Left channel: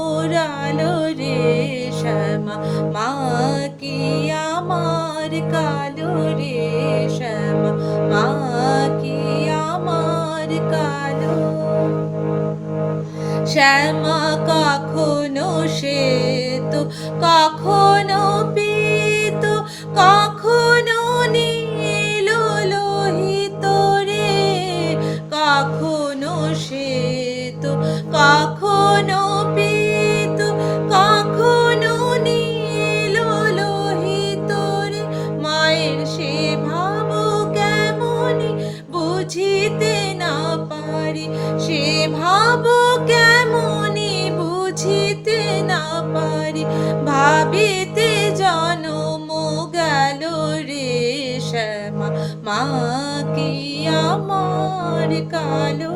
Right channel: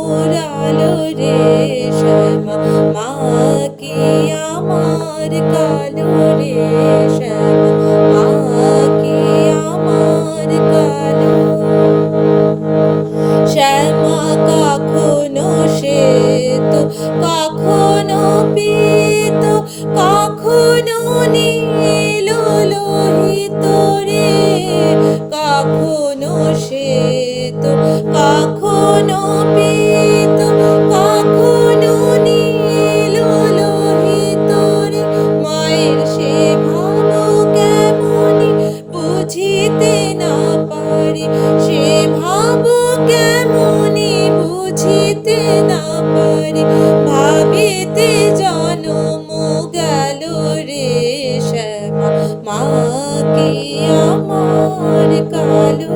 মোরালো রে শ্যামা, মা কি আমার কালো রে শ্যামা, মা কি আমার কালো। শ্যামা কখনো শ্বেত, কখনো পীত, কখনো নীল লোহিত রে, কখনো শ্বেত, কখনো পীত, কখনো নীল লোহিত রে। মায়ের সে ভাব কেমনি বুঝিতে না পারি, সে ভাব কেমনি বুঝিতে না পারি, ভাবিতে জনম গেল রে শ্যামা, মা কি আমার কালো।